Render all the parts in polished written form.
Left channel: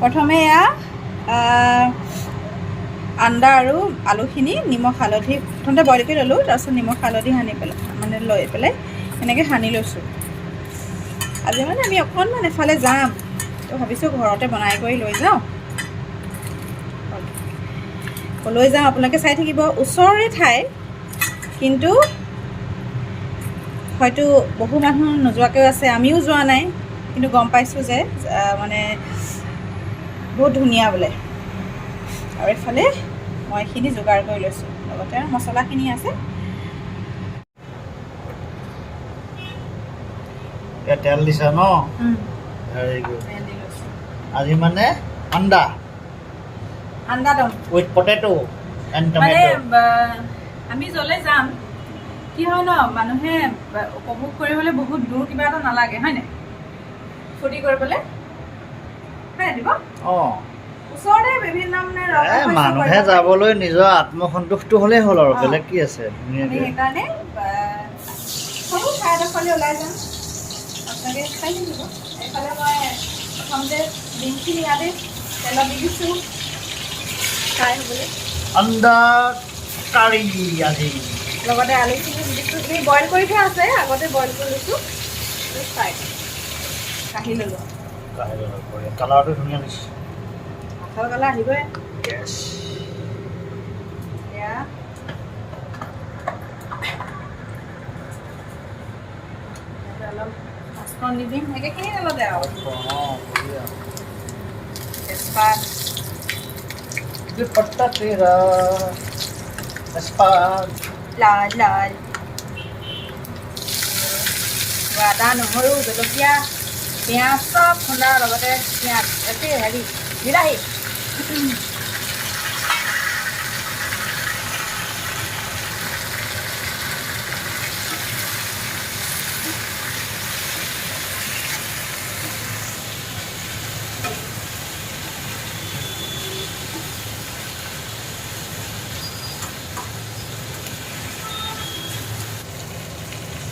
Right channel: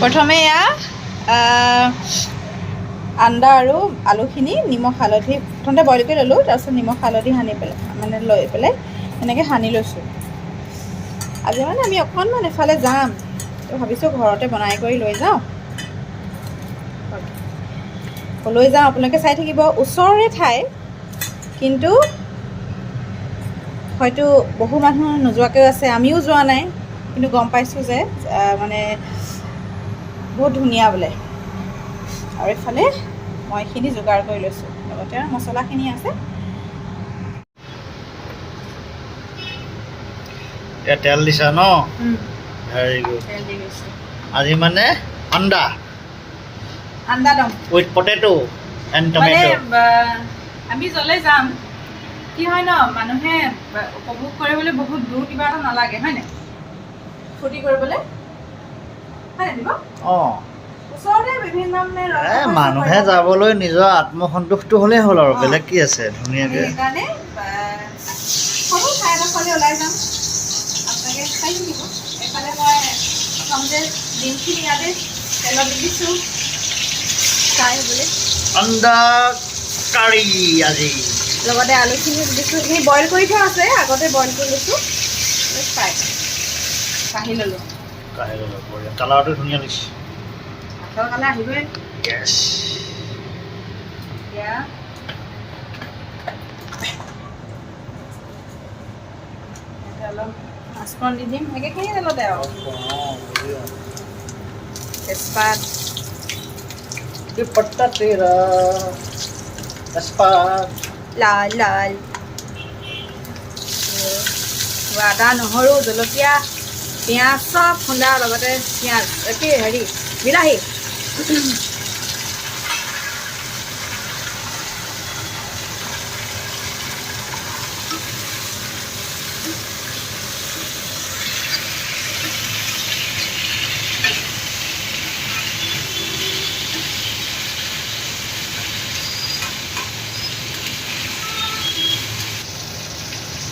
প্ৰথমে এয়া আন্দা আৰু আলুখিনি নিমখ হালধি প্ৰথমতে বইল কৰি ল'লোঁ, তাৰপিছত নিমখ হালধি সানি পেলাই লৈ পেলাই এনেকৈ সানি লৈছোঁ। আজি মানে আমি অকণমান এফালে যাম, তো ভাবিছোঁ ঘৰতে বনাই কৰি লৈ যাওঁ। লৈ যাওঁ, আপোনালোকে চাই থাকিব। ওচৰৰে ঠাই, কিন্তু হয়তো বহু মানুহ নোযোৱাকৈও আছে, আমিও যোৱা নাই, কিন্তু গম পাইছোঁ যে মানে বহুত ধুনীয়া বোলে। আৰু এইফালে মই এইখিনি যোগাৰ কৰি লৈছোঁ, লগতে মছলাখিনি আছে। এতিয়া তেল দিছা ন? Very good. তেল দি গৈছোঁ। আজি মানে আন্দা দম উইথ পটেটো এণ্ড মানে টমেটো। আমি য'লৈ যাম, কি হয় ন, মানুহে উপভোগ কৰিবলৈ বহুত দূৰ কিবা এটা নালাগে, হয় নাই? ফূৰ্তি কৰিবলৈ, হয় নাই দিব? অঁ, ওচৰতে বিভিন্ন মানে মানুহে যাবলৈ নিজৰ আত্মসন্তোষটো হ'লেই হ'ল আৰু বেলেগ কি আছে। ধুনীয়াকৈ সেইকাৰণে সৰু ঠাই এডোখৰলৈ ওলাই যাম, আপোনালোকে চাই থাকিব। এইফালে মই প্ৰথমতে ডিমখিনি ইয়াতে তেলত দি দিছোঁ ফ্ৰাই হ'বলৈ। আন্দা কাৰী আজি লগতে আলুখিনি দিছোঁ, সেইখিনি বইল কৰি থোৱা আছে, আগতে বইল কৰি লৈছোঁ, ফ্ৰাই কাঢ়ি ল'লোঁ। কালাৰটো ধুনীয়া লাগিছে। মাছৰ কালাৰ আহিবই। ইয়েছ। এতিয়া অলপ মাছখন দি দিম, একেখিনি তেলতে আৰু তেজপাত, পট্টা তেৰা তেজপাত, লাল লাল আদা, নহৰু, জলকীয়া, পিঁয়াজ চব খুন্দা, লগতে পিঁয়াজ বিলাহী।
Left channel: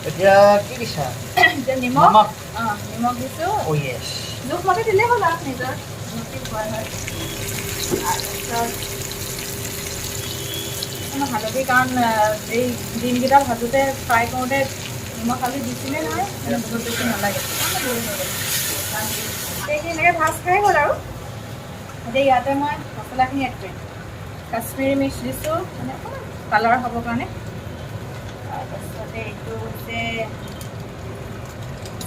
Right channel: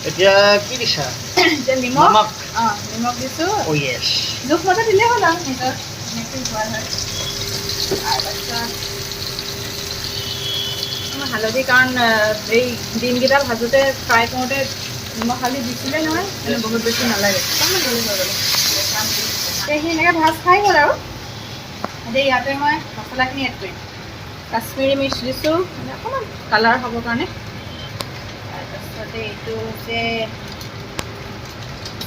এতিয়া কি দিছা? এতিয়া নিমখ দিছোঁ। অ' য়েছ। জোখমতে দিলেই হ'ল আৰু নিজৰ হয়। তাৰপিছত হালধি, কাৰণ এই ডিমকেইটা ভাজোঁতে ফ্ৰাই কৰোঁতে নিমখ হালধি দিছিলে নহয়, বহুত বেছি নালাগে। সেইখিনি এনেকৈ ভাজ খাই গ'ল আৰু এতিয়া ইয়াতে মই মছলাখিনি এড কৰিম। কাশ্মীৰী মিৰ্চ দিছোঁ, মানে অকণমান কালাৰ হ'বৰ কাৰণে। তাৰপিছতে এইটো হৈছে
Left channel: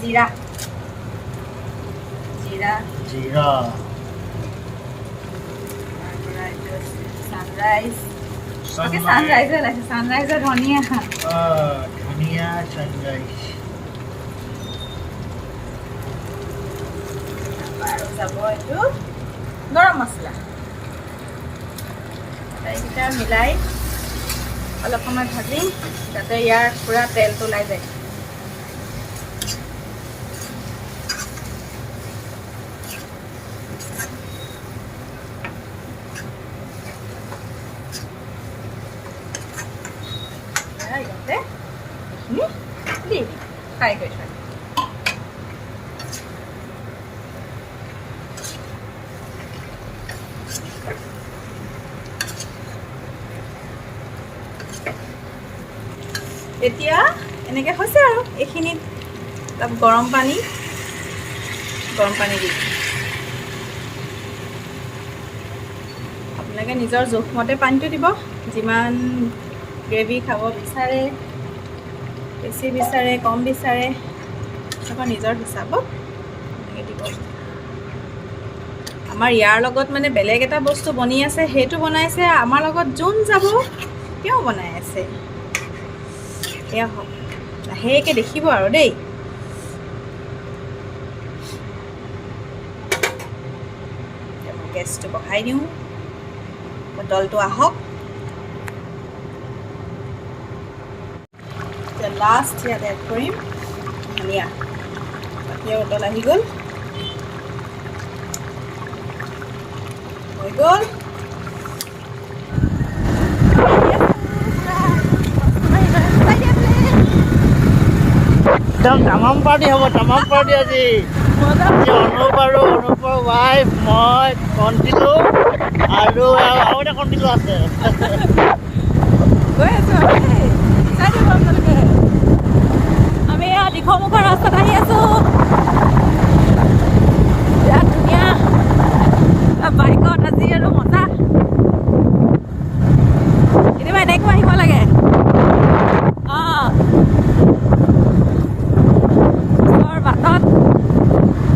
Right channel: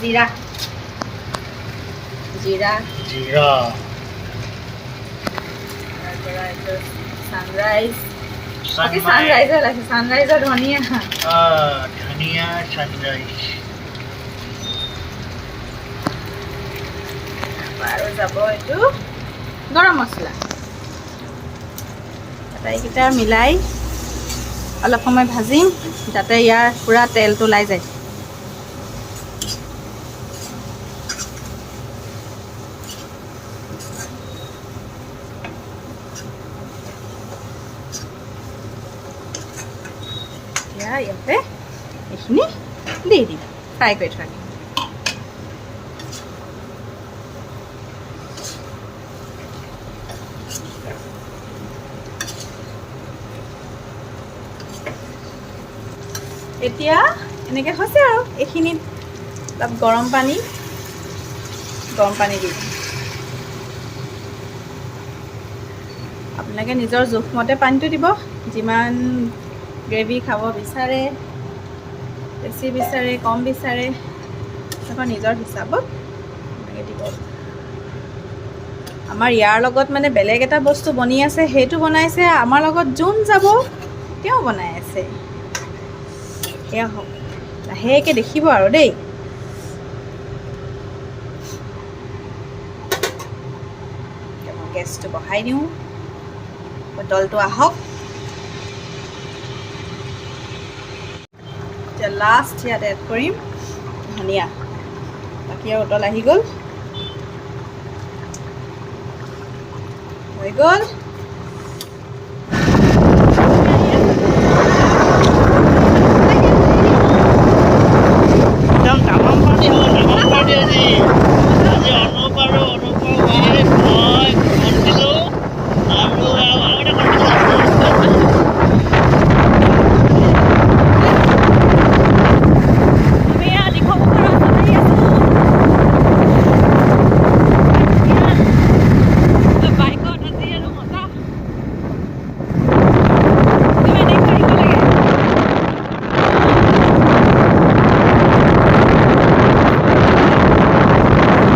জিৰা, তাৰপৰা এইটো ছানৰাইজৰ ধনিয়া, আৰু যাব এইটো গৰম মছলা। আটাইকেইটা মিলাই অলপ সময় ভাজিম, যাতে ইয়াৰ পূৰা তেলটো ওলাই যায়। ইয়াতে এইখিনি দি দিম, ফ্ৰাই কৰি থৈ দিম। এতিয়া এনেকৈ হৈছে আৰু এইখিনিত অলপ গৰম পানী দি আপোনালোকে নিজৰ জোখমতে পানীটো দিব, যিমান গ্ৰেভি খাব বিচাৰে, বেছি বিচাৰে, কম বিচাৰে, আপোনালোকৰ নিজৰ হিচাপত এনেকৈ দিব। আমাৰ ইয়াৰ লগত মানে বেলেগ এটা বস্তু বনি আছে, সেইটো বনাইছে। আমাৰ লগত যোন যাব তেওঁ বনাই আছে। এয়া হওক, লাহেকৈ দেখিব আৰু দেই। মই গেছটো বঢ়াই দিওঁ, উতলটো আহক। এতিয়া লাষ্ট ইয়াত এড কৰিম ধনিয়া। বাকী উতল আহি গ'ল, হৈ গ'ল। একদম তামাম পাৰ্টি হ'ব, তামাম পাৰ্টি আজি। অনুপ ৱাইফ, মই কণ্টিলো আৰু এটা কণ্টিলো আছে আমি এয়া দীঘলমুখৰ ৰাস্তাত আহি আছোঁ। বাইকত আজি আৰু মজা কিবা এনেকুৱা আহিব লাগে।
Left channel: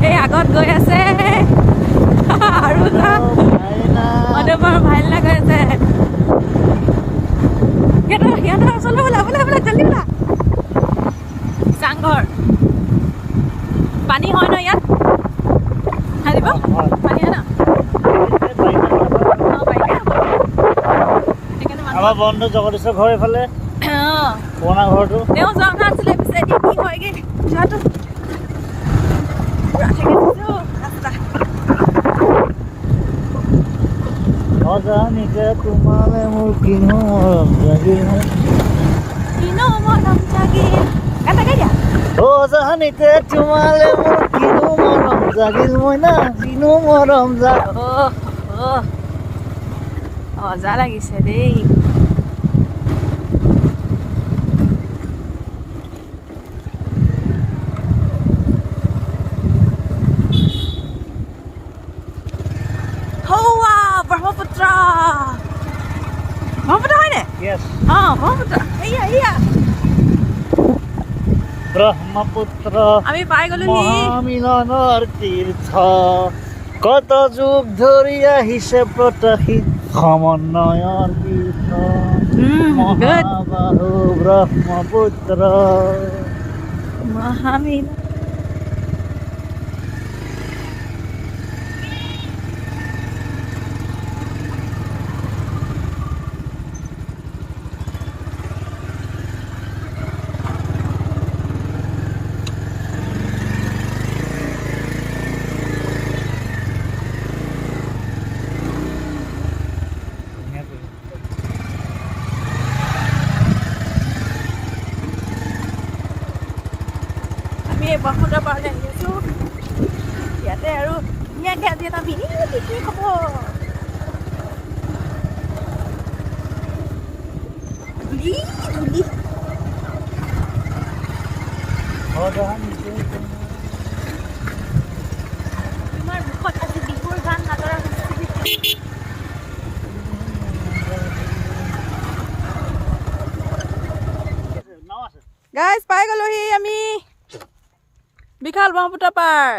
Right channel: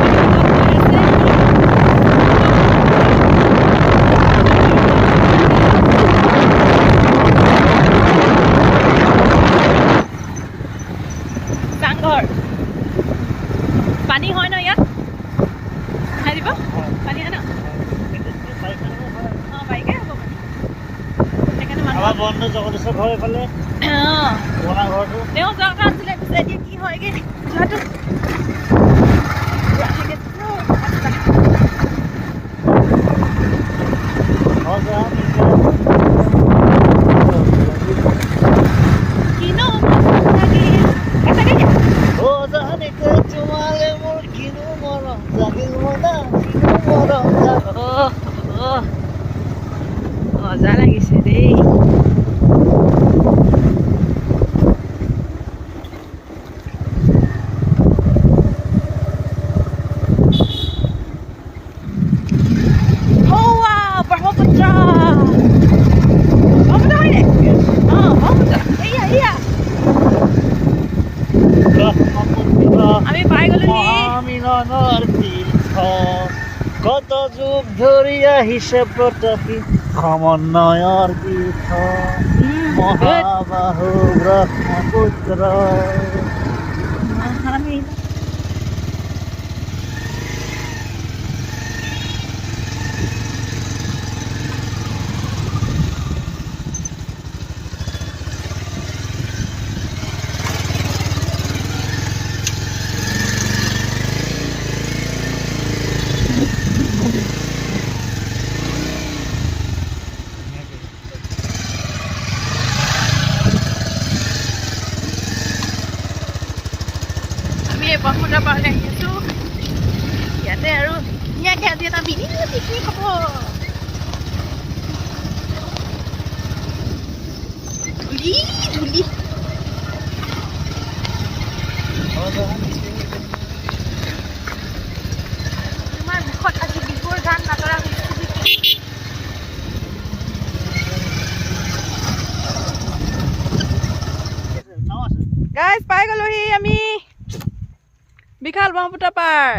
এই আগত গৈ আছে চাংঘৰ পানী হয় ন ইয়াত খাই দিব পানী হয় ন বাইকে সেইকাৰণে মানুহ আমাৰ বন্ধু জগদীশ্বৰ ঘৰ এইফালে পুৰণা ঘৰটো তেওঁ যোৱা কথা আছিলে পিছে এতিয়া কি হয়গে যোৱাটো কিনো মৰম জাগিল এটাকে দিয়া জাহানিতে তোমালে মোৰ কিনো মৰম জাগিল মই না কিনো মৰম জাগিল মজা লাগিছে দেই। ব্ৰহ্মপুত্ৰ ব্ৰহ্মপুত্ৰ হয়নে? অঁ ব্ৰহ্মপুত্ৰ এয়া ব্ৰহ্মপুত্ৰ আমি পাই গ'লোহি। মহামিলনৰ তীৰ্থ কত যুগ ধৰি আহিছে প্ৰতাপী সমন্বয়ৰ তীৰ্থ মহাবাহু ব্ৰহ্মপুত্ৰ মহামিল ব্ৰহ্মপুত্ৰ পাৰলৈ আহি আছোঁ। ইয়াতে আৰু ধুনীয়াকৈ আজি এটা মিনি পিকনিক হ'ব। ধূলি ধূলি ইমান মুখত আজি বিহুৰ গান নাতৰা হৈছে। গাইজ পাই গ'লোহি আমি বিশাল ব্ৰহ্মপুত্ৰ পাৰ।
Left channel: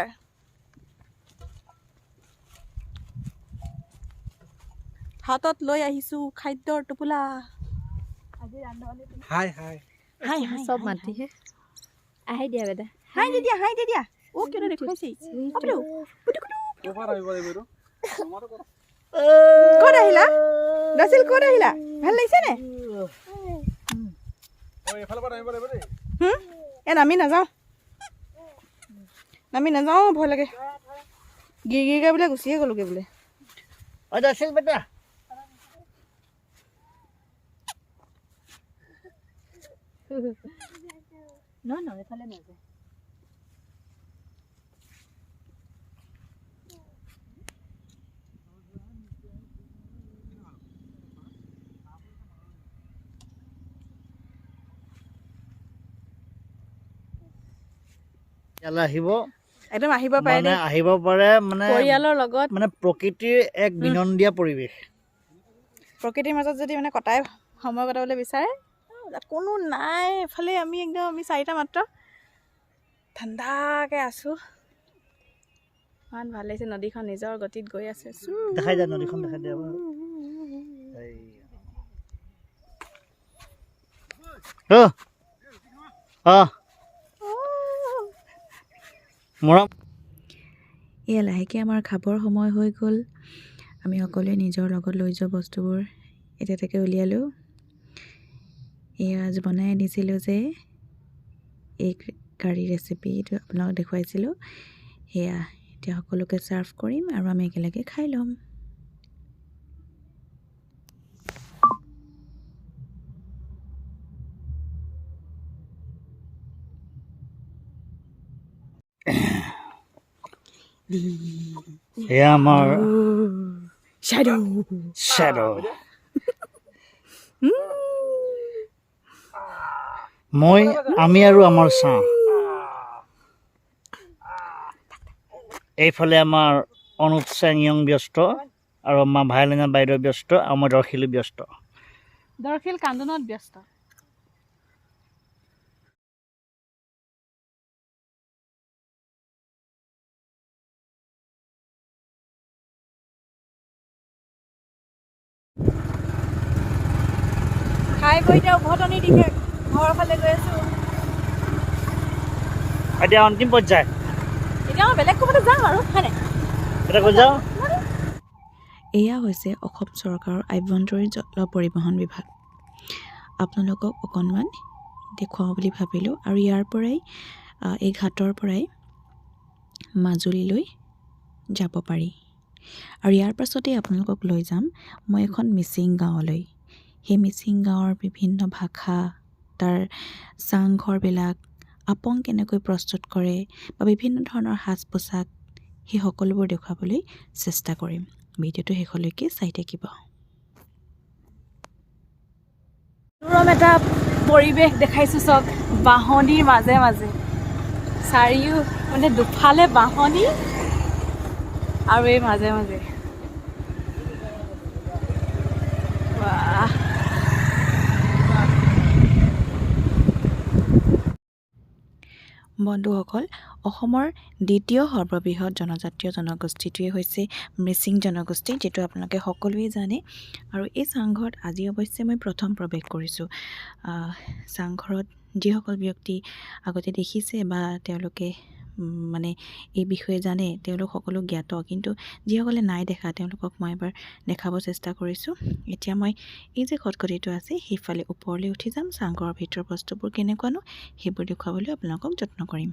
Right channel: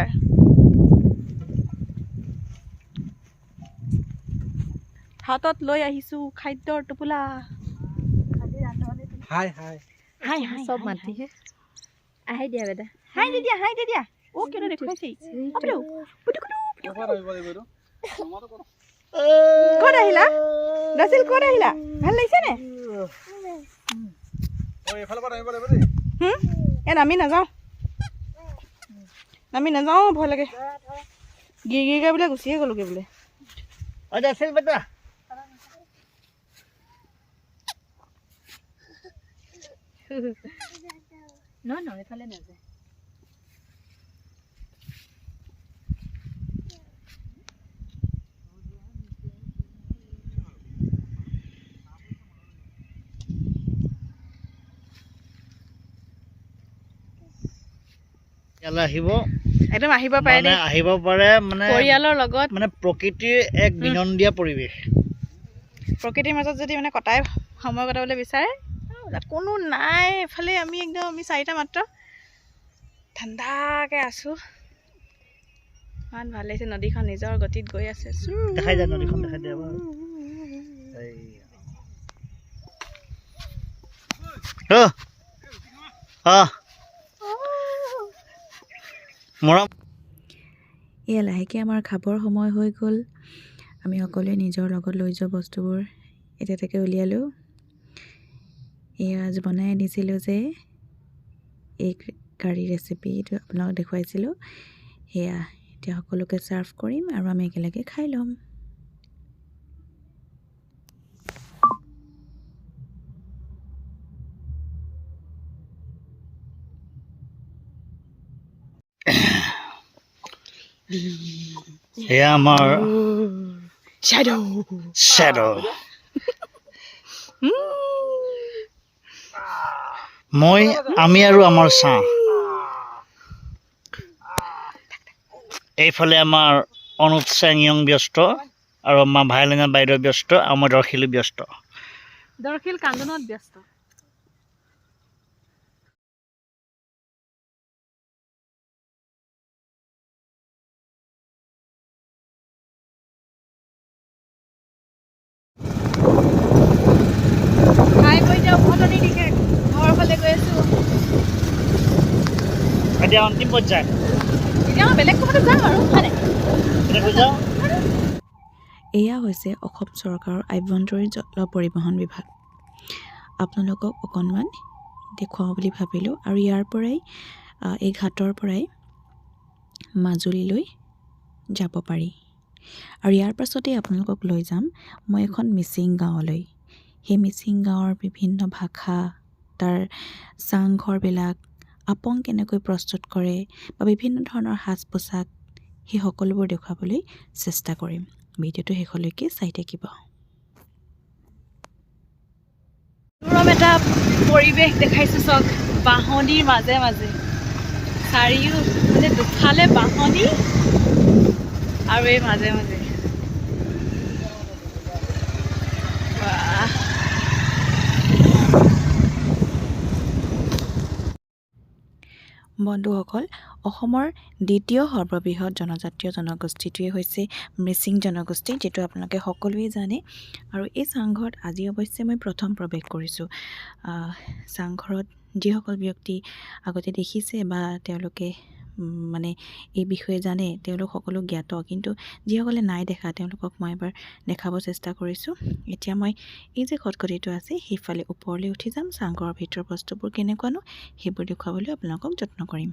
হাতত লৈ আহিছোঁ খাদ্যৰ টোপোলা। হাই হাই হাই হাই চব মাতিহে আহি দিয়া বেটা হাই দি দিয়া অ কিয় দেখুৱাইছে ক'ত আহিলা নাছিল ক'ত আহিলা ভাল লাগিছে নে নামি নাযাওঁ ভয় লাগে গিৰিগিৰিকৈ বোলে গুচিয়ে গ'লোগৈ বোলে বেটা নহয় এইফালে নাযায়। ইয়ালৈ আহিব একদম আহিব পাৰে দেই আহিব পাৰে মানে পৰিয়ালৰ লগত মানে প্ৰকৃতিৰ এক বিনন্দীয়া পৰিৱেশ প্ৰকৃতিৰ মাজত যদি মানে কটাই সময় কটাবলৈ বিচাৰে কোনো নাই এফালে আমি চাৰিটা মাত্ৰ ঠাণ্ডাকৈ আছোঁ ইমান ভাল লাগিছে নদীখন নিজৰ গতিত গৈ আছে দেখাই যায় নদীখন দেখাই দিয়া মৰম এয়া লাহেকৈ আমাৰ খাবৰ সময় হৈ গ'ল আমি সকলোৱে নিজৰ লগত লৈ যোৱা বস্তুবোৰ এতিয়া তাকে উলিয়ালোঁ এয়া আজি বনাই আনিছিলোঁ যে এই কাৰী ৰেচিপিটো আপোনালোকক দেখুৱাইছিলোঁ সেয়া এতিয়া সকলোকে ছাৰ্ভ কৰিম আৰু আমি একেলগে খাই ল'ম এয়া আমাৰ শ্বেডো আমি আৰু আমাৰ ছাঁ এইফালে আমাৰ অনুপ চেংয়ং ব্যস্ত আৰু আমাৰ ভাইলিনা বাইদেউ ব্যস্ত আৰু মই দৰ্শিলো ব্যস্ত দৰ্শিল কান্দোনত ব্যস্ত খাই বৈ এতিয়া উভতনি দিশে ঘৰৰ ফালে গৈ আছোঁ এতিয়া অন্তিম পৰ্যায় এতিয়া মই বেলেগ ক'ৰবাত যাম আৰু হয় নাই এতিয়া কৈ যাওঁ এয়া হৈছে অসম চৰকাৰৰ আভ্যন্তৰীণ জল পৰিবহণ বিভাগ আপোনালোকক অকণমান দেখুৱাওঁ বুলি ভাবিলোঁ আৰু ইয়াৰ পৰাই এই ঘাটৰ পৰাই মাজুলীলৈ যাব পাৰি আৰু ইয়াৰ পাছতেই আপোনালোকক লৈ যাম মই এখন মিচিং গাঁৱলৈ সেই মিচিং গাঁৱৰ বিভিন্ন ভাষা তাৰ চাংঘৰবিলাক আপং কেনেকৈ প্ৰস্তুত কৰে বা বিভিন্ন ধৰণৰ সাজ পোছাক সেই সকলোবোৰ দেখুৱাবলৈ চেষ্টা কৰিম ভিডিঅ'টো শেষলৈকে চাই থাকিব মনোৰম এটা পৰিৱেশ দেখাইছোঁ চাওক বাঁহনিৰ মাজে মাজে চাৰিও মানে দুফালে বাঁহনি আৰু এই মাজে মাজে বাহ বন্ধুসকল অসমৰ দ্বিতীয় সৰ্ববৃহৎ জনজাতীয় জনগোষ্ঠীটোৱে হৈছে মিচিং জনগোষ্ঠী যিটো আপোনালোকে সকলোৱে জানে আৰু এই চাংঘৰত আজি অৱশ্যে মই প্ৰথম প্ৰৱেশ কৰিছোঁ চাংঘৰত যিসকল ব্যক্তি আগতে দেখিছে বা তেওঁলোকে মানে এই বিষয়ে জানে তেওঁলোক সকলো জ্ঞাত কিন্তু যিসকলে নাই দেখা তেওঁলোকক মই এবাৰ দেখাব চেষ্টা কৰিছোঁ এতিয়া মই এই যে খটখটিটো আছে সেইফালে ওপৰলৈ উঠি যাম চাংঘৰৰ ভিতৰৰ বস্তুবোৰ কেনেকুৱানো সেইবোৰ দেখুৱাবলৈ আপোনালোকক যত্ন কৰিম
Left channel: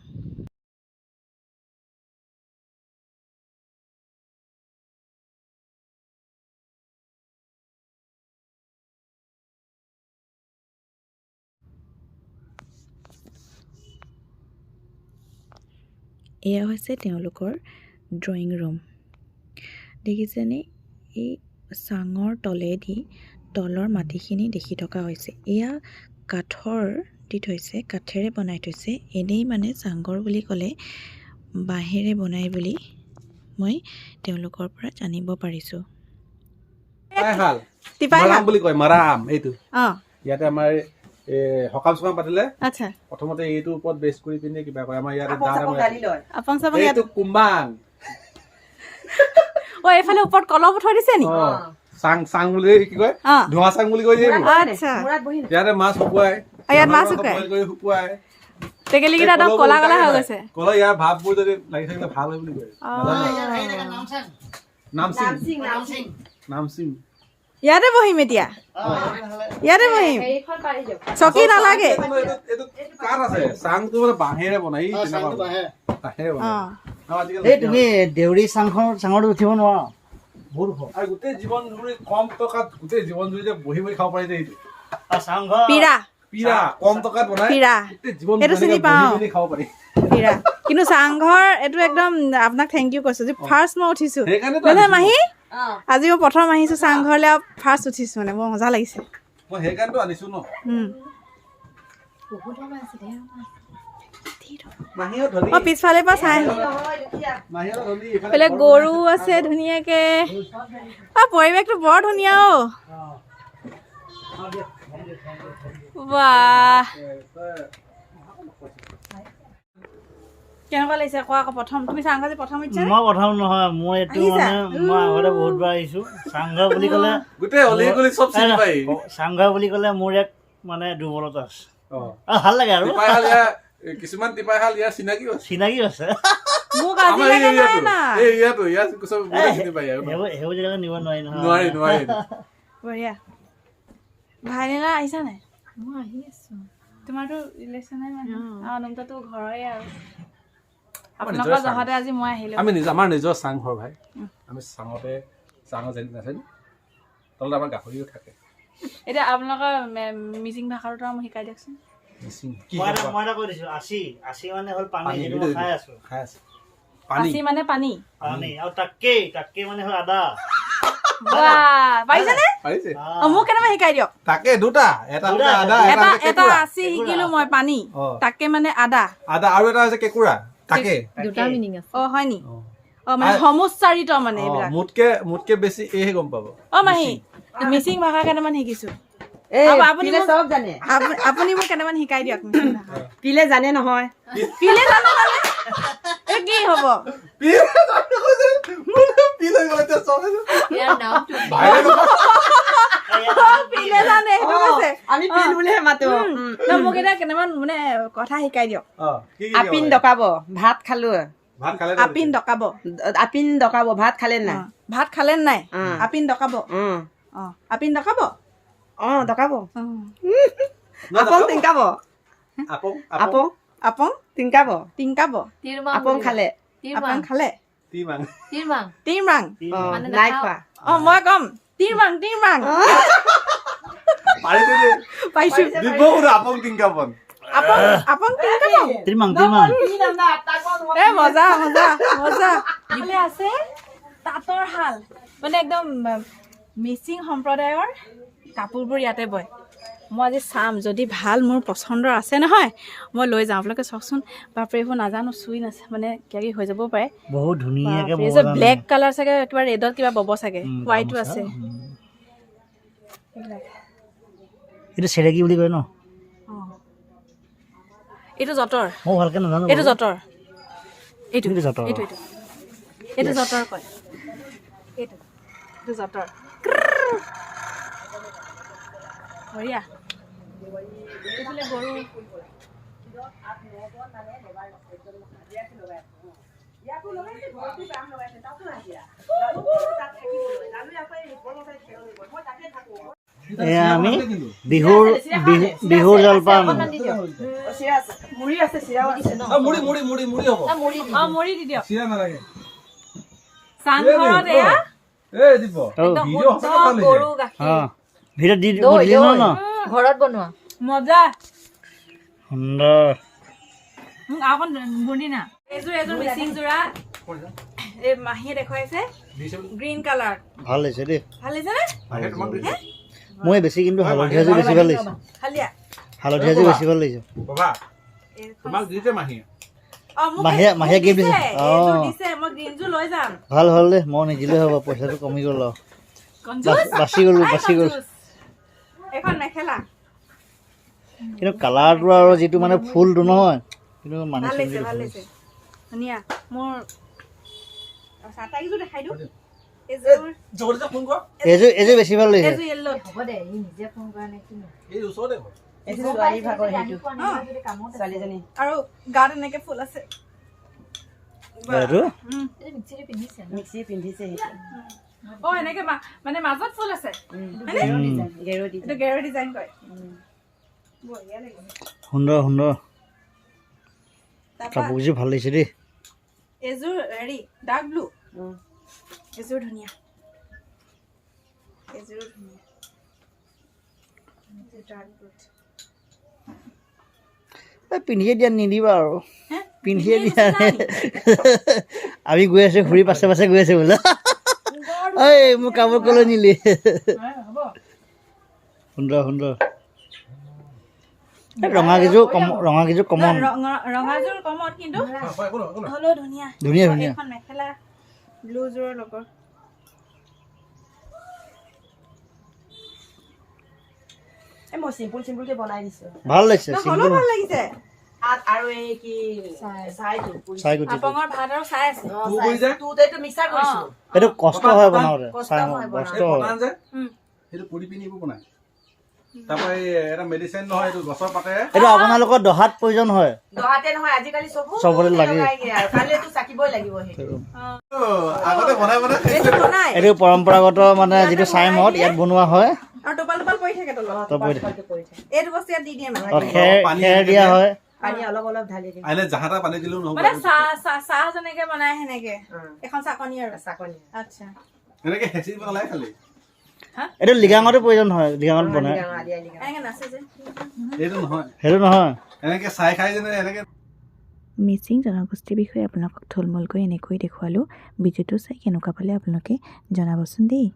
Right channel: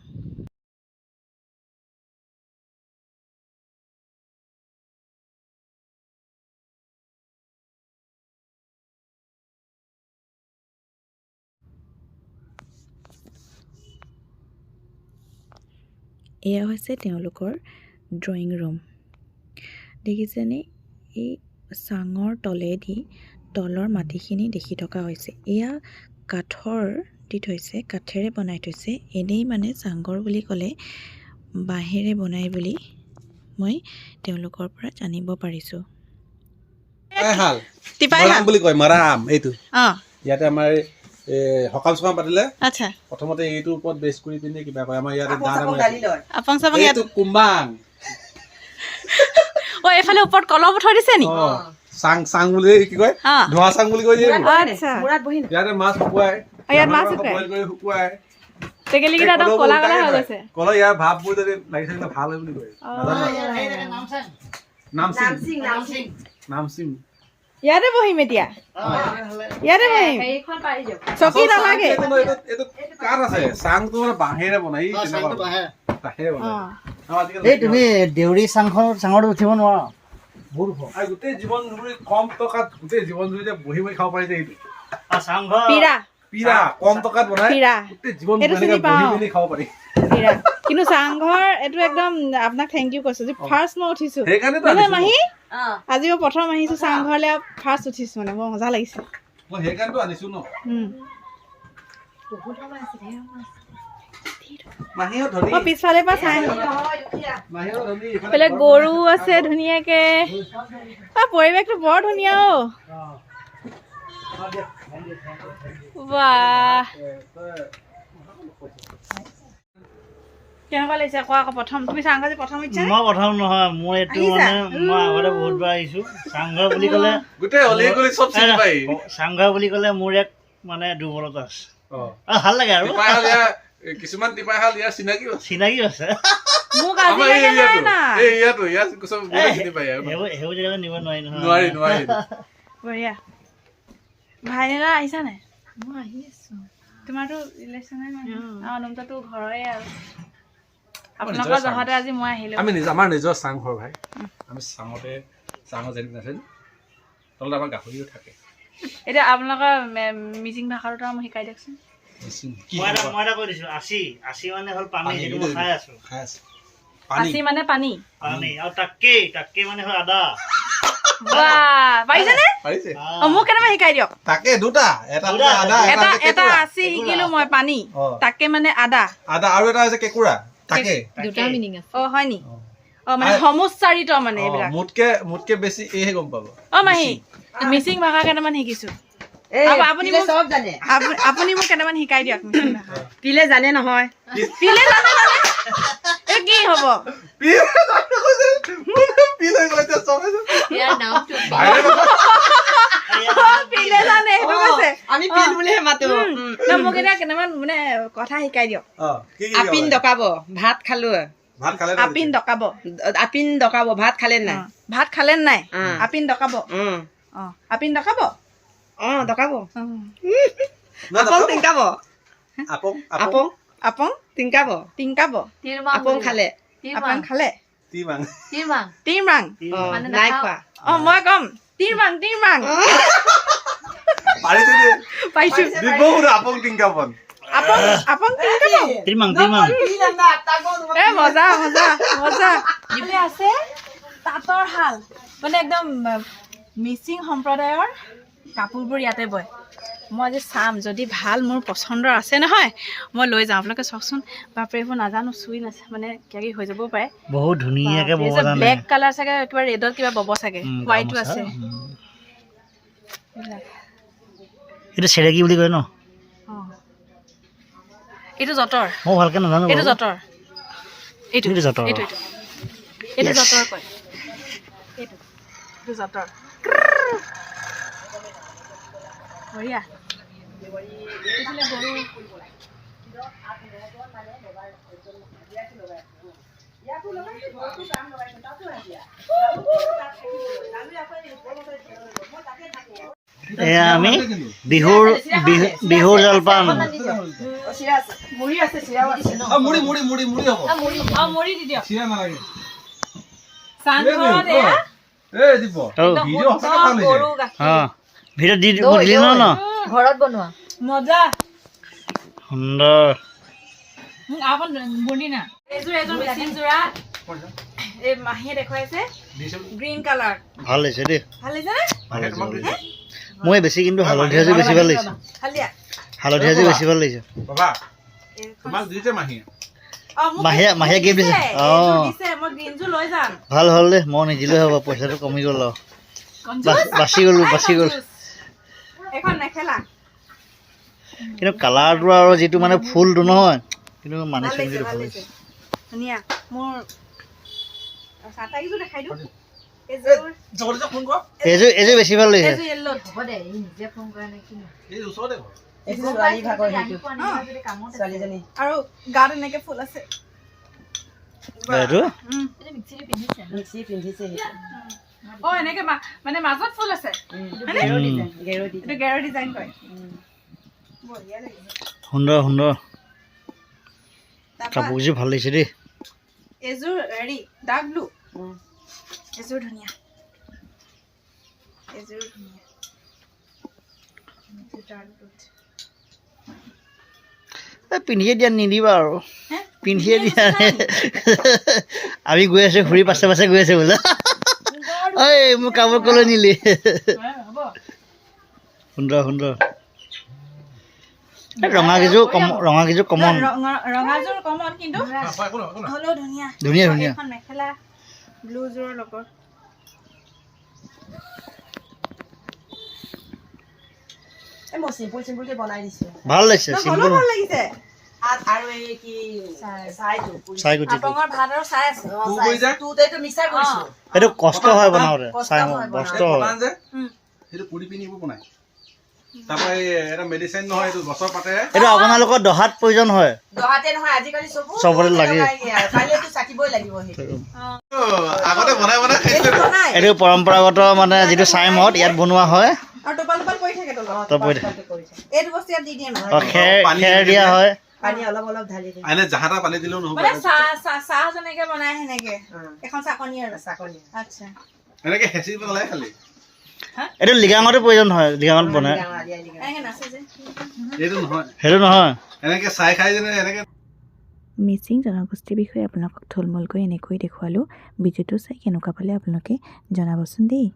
এয়া হৈছে তেওঁলোকৰ ড্ৰয়িং ৰুম দেখিছেনে এই চাঙৰ তলেদি তলৰ মাটিখিনি দেখি থকা হৈছে এয়া কাঠৰ দি থৈছে কাঠেৰে বনাই থৈছে এনেই মানে চাংঘৰ বুলি ক'লে বাঁহেৰে বনাই বুলি মই তেওঁলোকৰ পৰা জানিব পাৰিছোঁ মাৰাম বুলি কয় মাৰাম এইটো অঁ ইয়াতে আমাৰ সকাম চকাম পাতিলে আচ্ছা প্ৰথমতে এইটোৰ ওপৰত বেছ কৰি পিনে কিবা কয় আমাৰ ইয়াতে আপং চাপং ইয়াত এইটো কুম্বাং অ এইফালে ওপৰত কলম থৈ দিছে নি চাং চাং বুলি কি কয় ধোঁৱা চাং বুলি কয় আচ্ছা ইয়াতে মাছ শুকুৱাই ইয়াত মাছ শুকুৱাই বইল কৰি শুকুৱাই টেকেলিকেইটা একদম কলা কলা হৈ গৈছে কলা ইয়াৰ ভাৱবোৰ যদি লাগি থাকিলে ভাল হয় বুলি কয় নামচিং ইয়াতে বহিম এতিয়া ইয়াতে বহিম চকী নালাগে এইটো কাঠ আছে চাংটো মানে বাঁহেৰে বনাই বাঁহেৰে বনাই এই তুমি দেউৰী চাঙত উঠিব নোৱাৰা বহুত ওখ আৰু গোটেই জীৱন জুৰি কম টকাত গোটেই জীৱন জুৰি যে বহি বহি খাব পাৰি যে এইটো চাংঘৰ পিৰা কম টকাত বনাই পিৰা গোটেই জীৱন এইটো চিনি বহি পাওঁ বহি খাব পাৰি পিৰা কিন্তু চাংঘৰ এইটো একদম আপোনাক থেংক ইউ কৈছো যে ফাৰ্ষ্ট মই উঠিছো সেইকাৰণেতো নহয় আনিছো মাহী আজি মই প্ৰথম আহিছো চাংঘৰলৈ আৰু ফাৰ্ষ্ট উঠিছো মানে বৰ মজা লাগিছে মই সেইকাৰণেতো আনিছো ন মাহীও ধনী মই পিছফালৰ পৰা চাই আহিম মাহীও ধনী এইফালে গৰু আছে ধুনীয়াকে পৰিৱেশটো বৰ ধুনীয়া অ বাহ কেনেকুৱা লাগিছে কোৱা আকৌ প্ৰথম তুমি চাংঘৰ যে প্ৰথম ইচ্ছা মই প্ৰথম নহয় মই এইটো মানে মই আগতে বহুতবাৰ আহিছোঁ চাংঘৰ বুলি ক'লে গোটেই অলি গলি চব চিনি পাই চাংঘৰ বুলি ক'লে মোৰ এক মানে দুৰ্বলতা আছে আৰু ভাল লাগে আৰু কিছুমান টিপাইশাল ইয়াৰ চিনাকি আছে মোক আজিলৈকে নাই না সেইবোৰ জেগালৈ নিব নোৱাৰি নহয় বঢ়িয়া ভাইলিনা আহিছা নাই মই আহি আছো তোমাৰতো ৰিলেশ্যনে মানে নমতাটো ঘৰৰে আৰু আপোনালোকৰ জহতে আজি মই আহিলো আমি আমাৰ নিজৰ চাংঘৰ ভাই আমি চাঙৰ যেন নাছিল তলত আমাৰ গাহৰিও থাকে এতিয়া আপোনালোকৰ মিচিং ভাষাটো মই শিকাই দিয়কচোন মই এটা কৈ দিছোঁ আচি মানে হ'ল পানী সেইটো মই খাই আছোঁ আচি মানে পানী আৰু তাকেই মানে হ'ল আদা বাহ পাৰিছেনে পাৰিছে মোক কেনেকৈ শিকাই দিয়ক তাকে দুটা এটা আদা এটা আছে শিকিলো মই পানী তাকে মানে আদা আদা আৰু এটা আছে কেঁকুৰা তাকে হয় নি মানে সমুচ্চাৰিত মানে এইবিলাক মোতকে বেছি এহে গম পাব মাহী মিচিং ভাষা কেইটামান শিকিছো আপুনি মোক কেইটামান শিকাই দিয়ক মিচিং ভাষা পিলে জানে নহয় পিলে জানে এই কি হ'ব পিলে জানে সেইটো কৈছে আমি পিল বুলিহে মাতো মোক এতিয়া কেইটামান মানে কথা শিকাই দিয়ক আপিন ডকাব ভাত খালো আপিন ডকাব ভাত খালে না ভাত খালে নাই আপিন ডকাব আপিন ডকাব ডকাব আপং টিংকাব আপং আপং আপং টিংকাব টিংকাব আপং খালে আপং খালে তিমাং টিমৰাং নাই খোৱা মই কম টিমৰাং পাইছো আপং টিংকাবন আপং টিংকাব তিমাং এ মজা এইফালে আছে তাঁতৰ শাল মানে একদম মিচিং সম্প্ৰদায়ৰ কাপোৰবোৰ ইয়াতে বয় মই আজি চাম যদি ভাল মোৰ পচন্দৰ আছে নহয় মই লৈ যাওঁ আপোনালোকে চাওকচোন বাপৰে এইবোৰ নাজানো চুই মানে কিবা হৈ যাবও পাৰে বহুত ধুনীয়াকে বব জানে ব্লেক কালাৰ চাগে কিবা ৰেডত কিবা বব চাগে হোৱাইটো আছে এইটো চেৰেকি বুলি কয় ন এইটো যঁতৰ মই ভালকে নাজানো এইটো যঁতৰ এইটো যঁতৰ এইটো যঁতৰ কয় এইটো যঁতৰ বঢ়িয়া এইফালে গৰু এয়া আমি বিহুৰ জলপান মুড়ি আছে চিৰা মুড়ি হ'ব মুড়ি দি দিয়ক চিৰা নালাগে চাংঘৰত এয়া এই দিব ভিডিঅ' সঁচাকে গৰু গাখীৰ ভিডিঅ' দিলি ন ঘৰত বনোৱা মজা সুন্দৰ অকণ বুন্দি না এইযোৰ মেচিন যোৰা এই মাহীয়ে দেখুৱাইছে গ্ৰীণ কালাৰ ভাল লাগিছে দেই ভাল লাগিছে নে মই বেছি কিন্তু হালধীয়া যে বেছি ভাল লাগিছে হালধীয়া যে বেছি ভাল লাগিছে বাবা তোমাক দিছে মাহীয়ে মাহীয়ে গিফ্ট দিছে মই গ্ৰীণযোৰ লৈ যাম ভাল হ'ল দে মই নিদিলেও হ'ব পইচাটো কমি গ'ল বাচি গ'ল এখন মেখেলা কিন্তু কালাৰটো আৰু যিটো মানে ফুলটো নহয় কিন্তু মানিছো কিন্তু ভাল লাগিছে ধুনীয়া মোৰ চাটাইযোৰ দেখাই দিওঁ এইযোৰ বেছি ভাল লাগিছে আৰু গাত এনেকে ফুল আছে এইটো এনেকে মানে মাজত ফুল আছে গেৰ ডিজাইন কয় বঢ়িয়া লাগিছে সুন্দৰ কাপোৰযোৰ ভাল লাগিছে দেই এযোৰ হেৰি ডাৰ্ক ব্লু এযোৰ ধুনীয়া পিন্ধিয়ে দিয়া নিদিবা আৰু পিন্ধিয়ে দিয়া আমি গৈ আছো ঘূৰি পাছে গৈ আছো বোলে ঐ মোৰ কাপোৰ কলৈ নিলি সুন্দৰ ৰঙাকেইযোৰ কমন ৰঙাযোৰ কমন কিন্তু হ'লেও ধুনীয়া এখন মেখেলা ব্লুযোৰৰ লগত মই চিম্পুলকে বনাই দিছো ভাল লাগিছে চিম্পুল ভাল লাগিছে আৰু এই কি চাইগুটি আপঙৰ ভাত আৰু চাই আছে তুতেটো মিক্সাৰ কৰিছো এইটো কষ্ট হয় বনাওঁতে চাই কষ্ট হয় সেইটো পুৰি পিনি বনাই তাৰপৰা এটা মেডিচিন নহয় এইটো গছৰ পাতেৰে এইটো আপোনালোকৰ দহাত প্ৰয়োজন হয় দহাতে নহয় আজিকালি চবতে লাগে কাইলেতো চাকিবই লাগিব আগতে বনাই এইটো পৰম্পৰাগত মানে যিটো চাইমদ ইয়াত বনোৱা হয় আৰু টোপাল পৰি থাকে তলত এইটো বস্তু ইয়াত দি দিয়ে খেৰ দিয়া হয় পানী অলপ ঢালি দিয়ে এনে জাহাটা পানী দিলেও নহ'ব মানে চাহ যেনেকে বনাই সেনেকে এখন চাকনি আৰু চাকনি আচ্ছা এনেকে হেঁচি পেলাই খালি এইটো লিগাঙতো প্ৰয়োজন হয় লিগাঙত বনাই এনেকে নাচে যে সেইটো নহয় এনেকে চাই খাই যেনে এনেকে মিচিং জনগোষ্ঠীৰ বিষয়ে আপোনালোকক থুলমূলকৈ এনেকৈ দেখুৱালোঁ ভিডিঅ'টো চাই কেনেকুৱা পালে আপোনালোকে জনাবচোন দেই